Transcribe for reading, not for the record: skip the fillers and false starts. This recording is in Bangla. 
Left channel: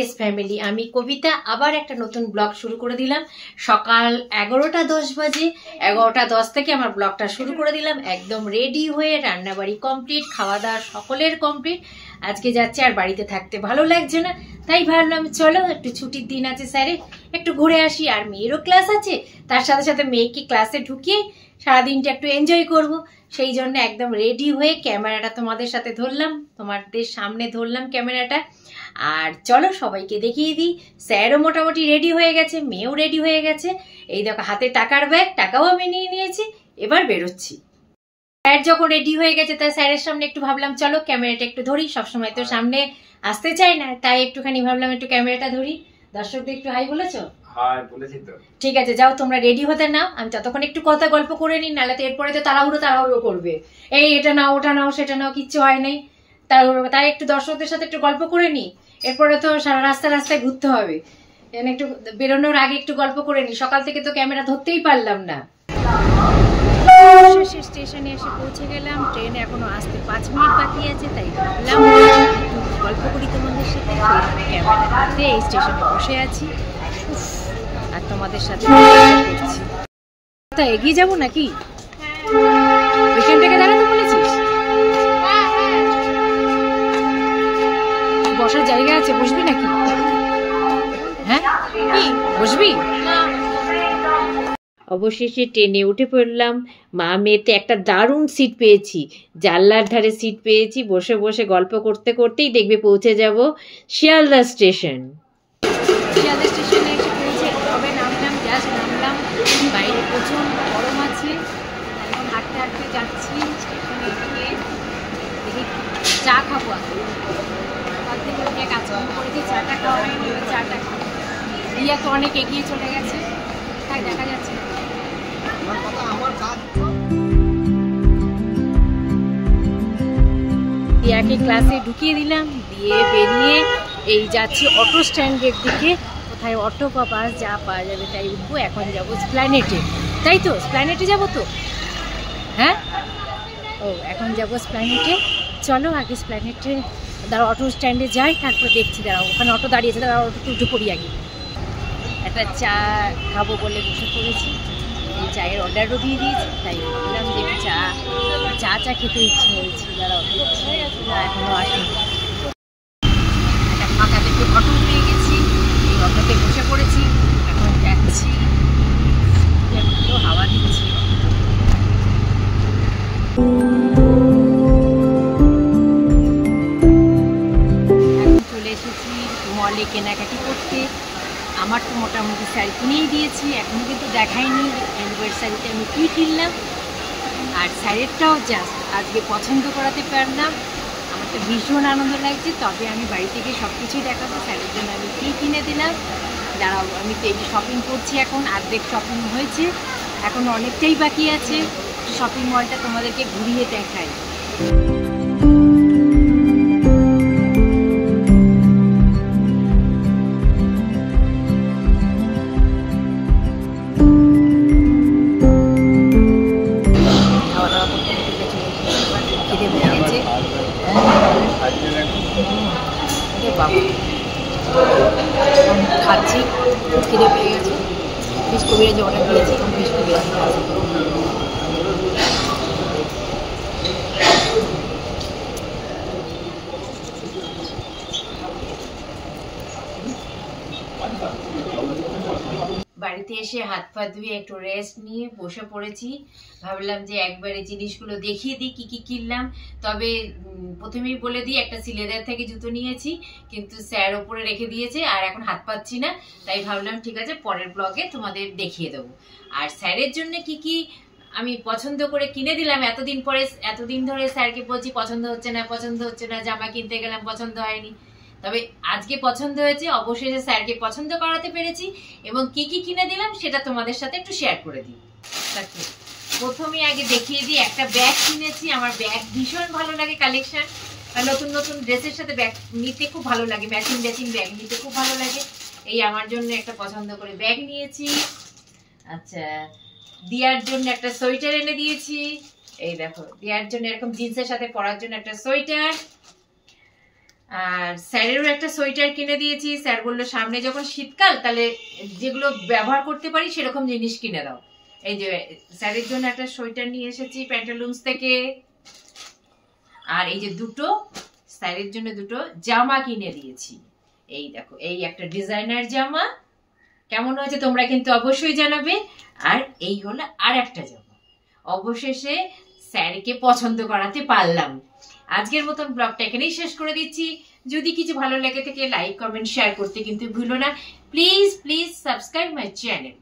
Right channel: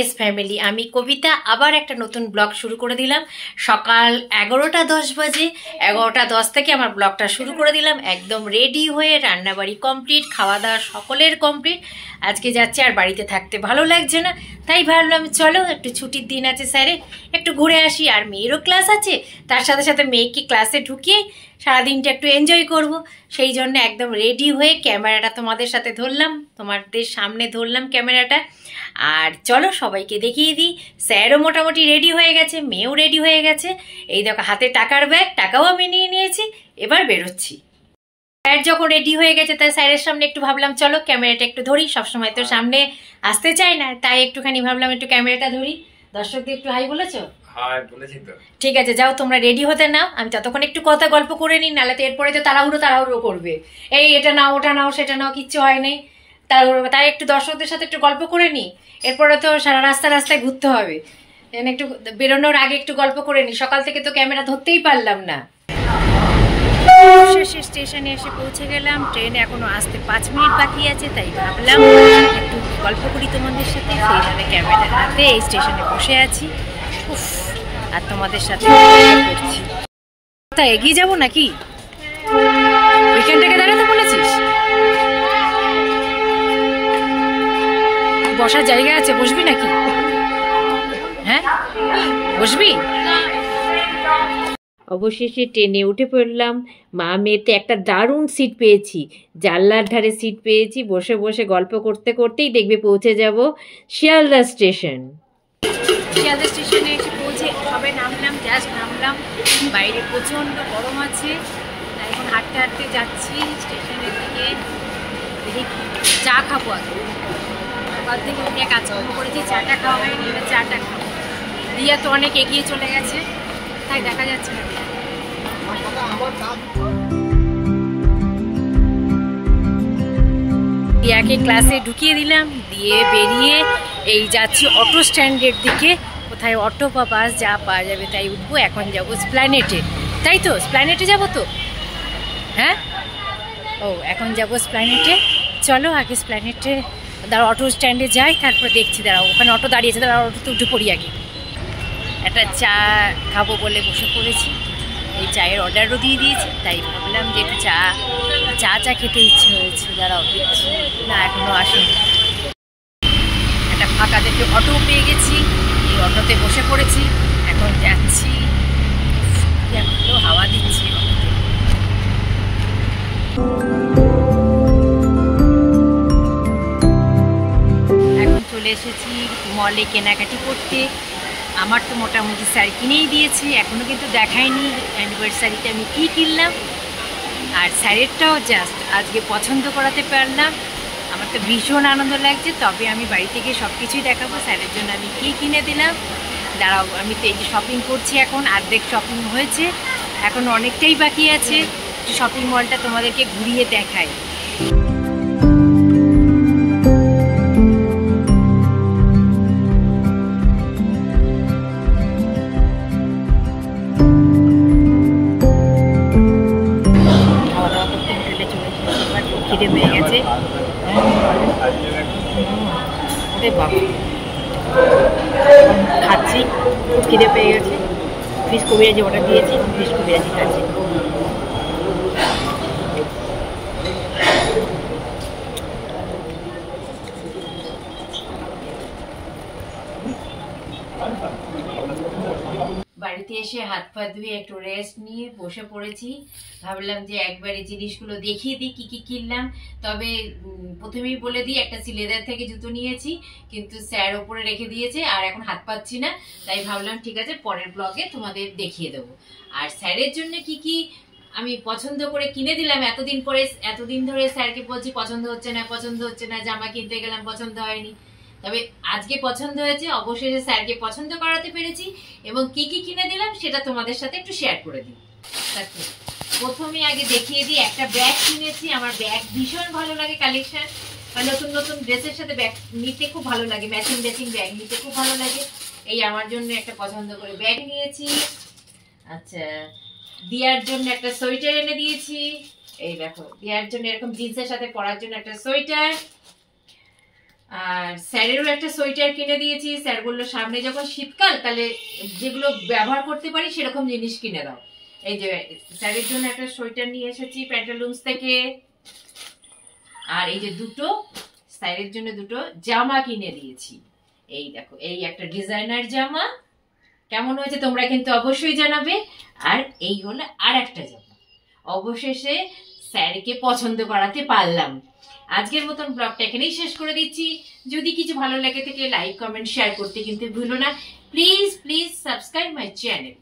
এস ফ্যামিলি, আমি কবিতা আবার একটা নতুন ব্লগ শুরু করে দিলাম। সকাল 11টা 10 বাজে, 11টা 10 থেকে আমার ব্লগটা শুরু করে দিলাম। একদম রেডি হয়ে রান্নাবাড়ি কমপ্লিট, খাওয়া দাওয়া সকলের কমপ্লিট। আজকে যাচ্ছে, আর বাড়িতে থাকতে ভালো লাগছে না, তাই ভাবলাম চলো একটু ছুটির দিন আছে স্যারে, একটু ঘুরে আসি। আর মেয়েরও ক্লাস আছে, তার সাথে সাথে মেয়েকে ক্লাসে ঢুকিয়ে সারাদিনটা একটু এনজয় করব। সেই জন্য একদম রেডি হয়ে ক্যামেরাটা তোমাদের সাথে ধরলাম, তোমাদের সামনে ধরলাম ক্যামেরাটা। আর চলো সবাইকে দেখিয়ে দিই। স্যারও মোটামুটি রেডি হয়ে গেছে, মেয়েও রেডি হয়ে গেছে। এই দেখো হাতে টাকার ব্যাগ, টাকাও আমি নিয়ে নিয়েছি, এবার বেরোচ্ছি। স্যার যখন রেডি হয়ে গেছে তাই স্যারের সামনে একটু ভাবলাম চলো ক্যামেরাটা একটু ধরি, সবসময় তো সামনে আসতে চাই না, তাই একটুখানি ভাবলাম একটু ক্যামেরাটা ধরি। দর্শকদের একটু হাই বলেছো? ঠিক আছে, যাও তোমরা রেডি হতে নাও, আমি ততক্ষণ একটু কথা গল্প করে নিই, নাহলে তো এরপরে তো তাড়াহুড়ো করবে, এই এটা নাও ওটা নাও সেটা নাও, কিচ্ছু হয় নাই, তাড়াহুড়ো। তাই একটু দর্শকদের সাথে একটু গল্প করে নিই, এরপরে তো সারা রাস্তায় ঘুরতে হবে, একটু বেরোনোর আগে একটু গল্প করে নিই। সকাল থেকে তো ক্যামেরা ধরতেই পারলাম না। শেষে স্টেশনে এসে পৌঁছে গেলাম, ট্রেন এখনো আসতে 5 মিনিট বাকি আছে, তাই ভাবলাম একটু গল্প করি তোমাদের সাথে। সেই জন্য ক্যামেরা হাতে এই স্টেশনে বসে আছি আর তোমাদের সাথে করছি। তা এগিয়ে যাবো নাকি? ওইখান থেকে দাঁড়াতে বলেছিস? বসার জায়গা আছে, বসবি নাকি? হ্যাঁ বসবি? অবশেষে ট্রেনে উঠে পড়লাম। মা মেয়েতে একটা দারুণ সিট পেয়েছি, জানলার ধারে সিট পেয়েছি। বসে বসে গল্প করতে করতেই দেখবে পৌঁছে যাব শিয়ালদা স্টেশন। শিয়ালদা স্টেশনে এসে পৌঁছে সবে নামলাম, জাস্ট নামলাম। বাইরে প্রচণ্ড গরম আছে, তাই এখন হাঁটতে হাঁটতে যাচ্ছি স্টেশনের দিকে। দেখি চা খাবো আগে, সকাল থেকে উঠে কাজকর্ম করেছি, চাটা খাওয়া হয়নি, এবার চাটা খাবো। দিয়া তো অনেক এগিয়ে চলে গেছে, তাই দেখা যাচ্ছে না। দিয়াকে ক্লাসে ঢুকিয়ে দিলাম, দিয়ে বেরিয়ে এই যাচ্ছি অটো স্ট্যান্ডের দিকে। কোথায় অটো বা বাস যা পাওয়া যাবে তাই উঠবো। এখন যাব স্প্ল্যানেটে, তাই তো? স্প্ল্যানেটে যাব তো? হ্যাঁ, ও এখন যাব স্প্ল্যানেটে। চলো আগে স্প্ল্যানেটে দাঁড়াও, অটো স্ট্যান্ডে যাই, তারপর দেখছি। দাঁড়াও, ওখানে অটো দাঁড়িয়েছে, দাঁড়াও অটোতে উঠে পড়ি আগে। একটা চা খাবো বলে বসে পড়েছি, এই চায়ের অর্ডারও দিয়ে দিয়েছি, তাই ভাবলাম যে একটু চা খেতে ইচ্ছে হয়েছে। দাঁড়াও দেখছি, না এখনও আসেনি। একটা ফাঁকা দেখে অটো পেয়ে গেছি, এই অটোতে বসে পড়েছি, এখন যাচ্ছি। ভালো হাওয়া দিচ্ছি অটোতে। এখন চলে এসেছি মলে কেনাকাটি করতে। আমার তো মোটামুটি শাড়ি কিনেই দিয়েছি, এখনও কিন্তু দেখাইনি অ্যানিভার্সারিতে আমি কী কিনলাম। আর শাড়িটাও জাস্ট আজকে পছন্দ করাতে পারলাম, আমার তো ভীষণ আনন্দ লাগছে। তবে আমি বাড়িতে গিয়ে সব কিছুই দেখাবো শাড়ির জন্য আমি কী কিনে দিলাম। দাঁড়াও, আমি তো এই যে শপিং করছি, এখন অর্ধেক শপিং হয়েছে, এখন অনেকটাই বাকি আছে। শপিং মলটা তোমাদেরকে ঘুরিয়ে দেখাই। খিদে পেয়ে গেছে বাবা, খাচ্ছি, খুব খিদে পেয়ে গেছে। ফিশ কবিরাজি অর্ডার দিয়েছি, ফিশ কবিরাজি খাচ্ছি। বাড়িতে এসে হাত পা ধুয়ে একটু রেস্ট নিয়ে বসে পড়েছি। ভাবলাম যে একবারে জিনিসগুলো দেখিয়ে দিই কি কি কিনলাম। তবে প্রথমেই বলে দিই, একটা সিলেদার থেকে জুতো নিয়েছি, কিন্তু স্যার ওপরে রেখে দিয়েছে আর এখন হাত পাচ্ছি না, তাই ভাবলাম ঠিক আছে পরের ব্লগে তোমাদের দেখিয়ে দেবো। আর স্যারের জন্য কি কি আমি পছন্দ করে কিনে দিলাম। এতদিন ধরে স্যারকে বলছি পছন্দ হচ্ছে না, জামা কিনতে গেলাম পছন্দ হয়নি, তবে আজকে পছন্দ হয়েছে। অবশেষে স্যারকে পছন্দ করাতে পেরেছি, এবং কি কি কিনে দিলাম সেটা তোমাদের সাথে একটু শেয়ার করে দিই। প্রথমে আগে দেখিয়ে দিই, একটা ব্যাগ কিনেছি। আমার ব্যাগ ভীষণ ভালো লাগে, কালেকশন নতুন নতুন ড্রেসের সাথে ব্যাগ নিতে খুব ভালো লাগে, ম্যাচিং ব্যাগ নিতে খুব ভালো লাগে। এই আমার জন্য একটা পছন্দ করে ব্যাগ নিয়েছি। আচ্ছা, দিয়ার জন্য একটা সোয়েটার এনে দিয়েছি। এই দেখো, দিয়ার জন্য এরকম জিন্সের সাথে পরার জন্য একটা সোয়েটার। আর স্যারেরও একটা সোয়েটার কিনে দিয়েছি। স্যার বললো সামনে যখন শীতকাল তাহলে যেগুলো ব্যবহার করতে পারি সেরকম জিনিস কিনে দাও। এই যে স্যারের জন্য একটা সোয়েটার নিয়ে এসেছি প্যান্টালুন্স থেকে। আর এই যে দুটো স্যারের জন্য দুটো জামা কিনে দিয়েছি। এই দেখো, এই একটা ডিজাইনার জামা, কেমন হয়েছে তোমরা কিন্তু অবশ্যই জানাবে। আর এই হলো আর একটা জামা। অবশেষে স্যারকে পছন্দ করাতে পারলাম। আজকের মতন ব্লগটা এখানেই শেষ করে দিচ্ছি। যদি কিছু ভালো লাগে থাকে লাইক কমেন্ট শেয়ার করতে কিন্তু ভুলো না। Please please subscribe my channel.